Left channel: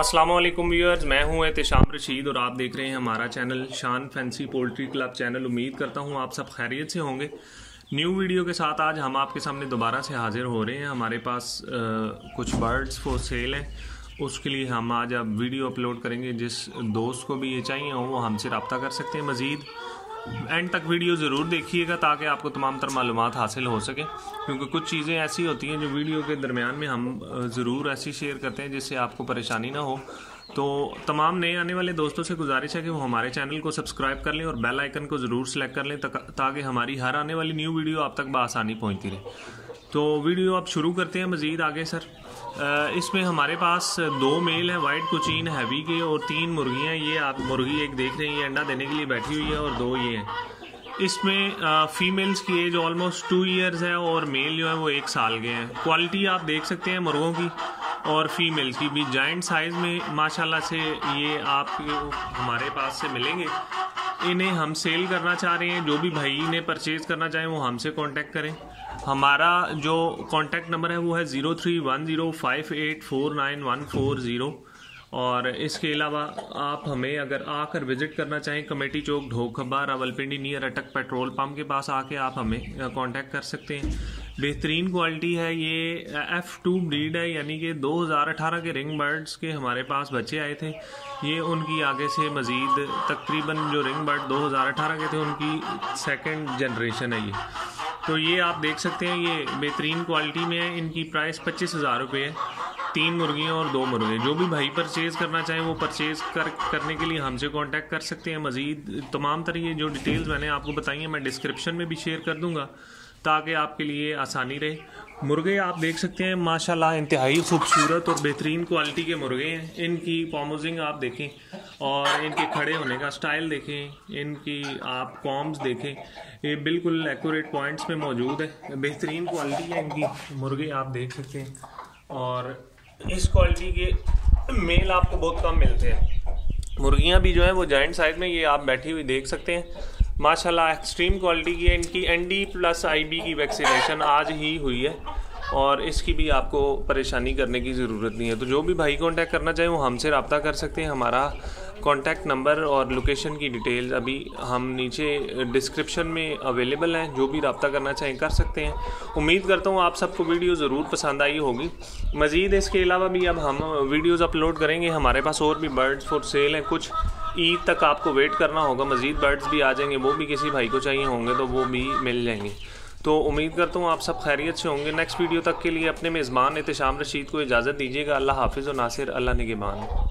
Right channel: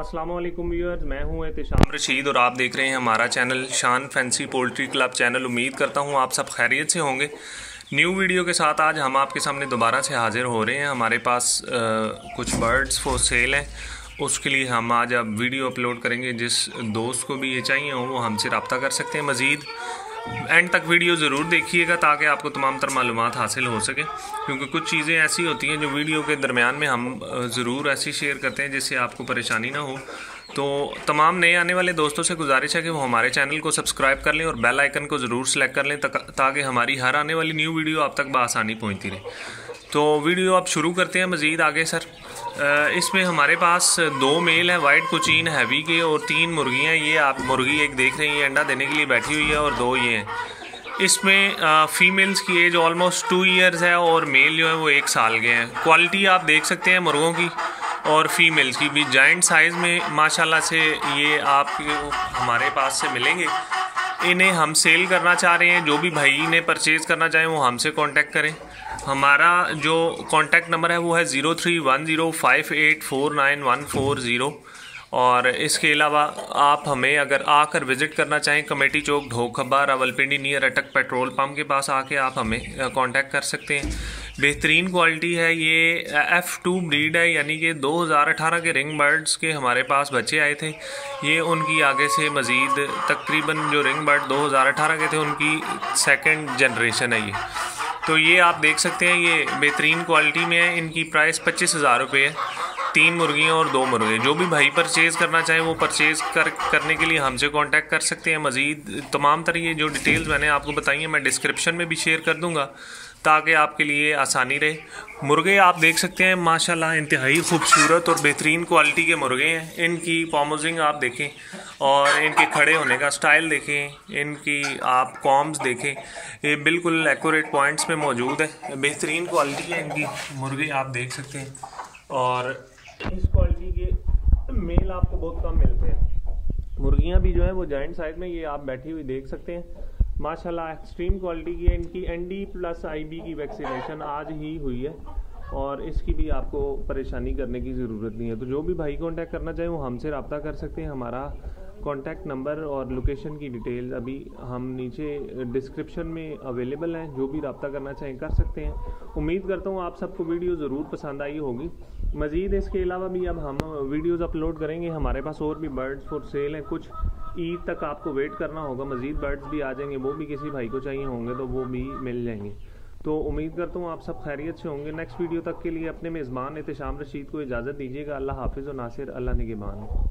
अस्सलाम वालेकुम व्यूअर्स, मैं हूं एहतिशाम रशीद और आप देख रहे हैं हमारा चैनल शान फैंसी पोल्ट्री क्लब चैनल। उम्मीद करता हूं आप सब खैरियत से होंगे। न्यू वीडियो के साथ आज हम आपके सामने दोबारा से हाजिर हो रहे हैं। हमारे पास कुछ बर्ड्स फॉर सेल हैं, उसके लिए हम आज अब वीडियो अपलोड करेंगे। जिस दोस्त को भी ये चाहिए हो वो हमसे रब्ता कर सकते हैं। मज़ीद एंड तक वीडियो ज़रूर देखिएगा ताकि आपको तमाम तर मालूमात हासिल हो सके, क्योंकि कुछ चीज़ें ऐसी होती हैं जो वीडियो के दरमियान में हम ज़रूर ऐसी शेयर करते हैं जिससे आपको परेशानी ना हो। तो तमाम नए आने वाले दोस्तों से गुजारिश है कि वो हमारे चैनल को सब्सक्राइब कर लें और बेल आइकन को ज़रूर सेलेक्ट कर लें ताकि हमारी हर आने वाली न्यू वीडियो आप तक बआसानी पहुँचती रहे। तो वीडियो आप शुरू करते हैं मज़ीद आगे सर। इसमें हमारे पास 2 मेल हैं वाइट कोचीन हैवी के और 3 मुर्गियाँ। ये आप मुर्गी एक देख रहे हैं, ये अंडा देने के लिए बैठी हुई है और 2 ये हैं। इसमें फ़ीमेल्स की एज ऑलमोस्ट 2 ईयर्स है और मेल जो है वो 1 साल के हैं। क्वालिटी आप देख सकते हैं मुर्गों की और फीमेल्स की भी जाइंट साइज़ में माशाल्लाह से ये आप हमारे पास से मिलेंगे। इन्हें हम सेल करना चाह रहे हैं। जो भी भाई ने परचेज़ करना चाहें वो हमसे कांटेक्ट करें। हमारा जो कांटेक्ट नंबर है वो है 031058494140। और इसके अलावा आप हमें अगर आकर विज़िट करना चाहें कमेटी चौक ढोखबा रावलपिंडी नियर अटक पेट्रोल पंप के पास आके आप हमें कांटेक्ट कर सकते हैं। बेहतरीन क्वालिटी है। ये F2 ब्रीड है, यानी कि 2018 के रिंग बर्ड्स के हमारे पास बच्चे आए थे। ये उनकी आगे से मज़ीद तकरीबन जो रिंग बर्ड 2018 के थे उनकी सेकंड जनरेशन है ये। तो ये आप देख सकते हैं, ये बेहतरीन क्वालिटी में है। इनकी प्राइस 25,000 रुपये है। 3 मुर्गियाँ और 2 मुर्गे। जो भी भाई परचेज़ करना चाहें वो परचेज़ करने के लिए हमसे कांटेक्ट कर सकते हैं। मज़ीद तमाम तरह ये जो डिटेल्स मैंने आपको बताई हैं मैं डिस्क्रिप्शन में भी शेयर कर दूँगा ताकि आपके लिए आसानी रहे। मुर्गे आप देख सकते हैं माशाल्लाह इंतहाई खूबसूरत और बेहतरीन क्वालिटी के मुर्गे हैं। इनकी पॉमोजिंग आप देखें और इनके खड़े होने का स्टाइल देखें, इनकी आप कॉम्स देखें, ये बिल्कुल एक्यूरेट पॉइंट्स में मौजूद है। बेहतरीन क्वालिटी है इनकी मुर्गे आप देख सकते हैं। और इस क्वालिटी के मेल आपको बहुत कम मिलते हैं। मुर्गियाँ भी जो है वो जॉइंट साइज में ये आप बैठी हुई देख सकते हैं। माशाल्लाह एक्सट्रीम क्वालिटी की है। इनकी ND+IB की वैक्सीनेशन आज ही हुई है और इसकी भी आपको परेशानी करने की ज़रूरत नहीं है। तो जो भी भाई कांटेक्ट करना चाहें वो हमसे रब्ता कर सकते हैं। हमारा कांटेक्ट नंबर और लोकेशन की डिटेल्स अभी हम नीचे डिस्क्रिप्शन में अवेलेबल हैं। जो भी रब्ता करना चाहें कर सकते हैं। उम्मीद करता हूँ आप सबको वीडियो ज़रूर पसंद आई होगी। मज़ीद इसके अलावा भी अब हम वीडियोज़ अपलोड करेंगे। हमारे पास और भी बर्ड्स फॉर सेल हैं। कुछ ईद तक आपको वेट करना होगा, मज़ीद बर्ड्स भी आ जाएंगे। वो भी किसी भाई को चाहिए होंगे तो वो भी मिल जाएंगे। तो उम्मीद करता हूँ आप सब खैरियत से होंगे। नेक्स्ट वीडियो तक के लिए अपने मेज़बान एहतिशाम रशीद को इजाज़त दीजिएगा। अल्लाह हाफिज़ और नासिर, अल्लाह निगहबान।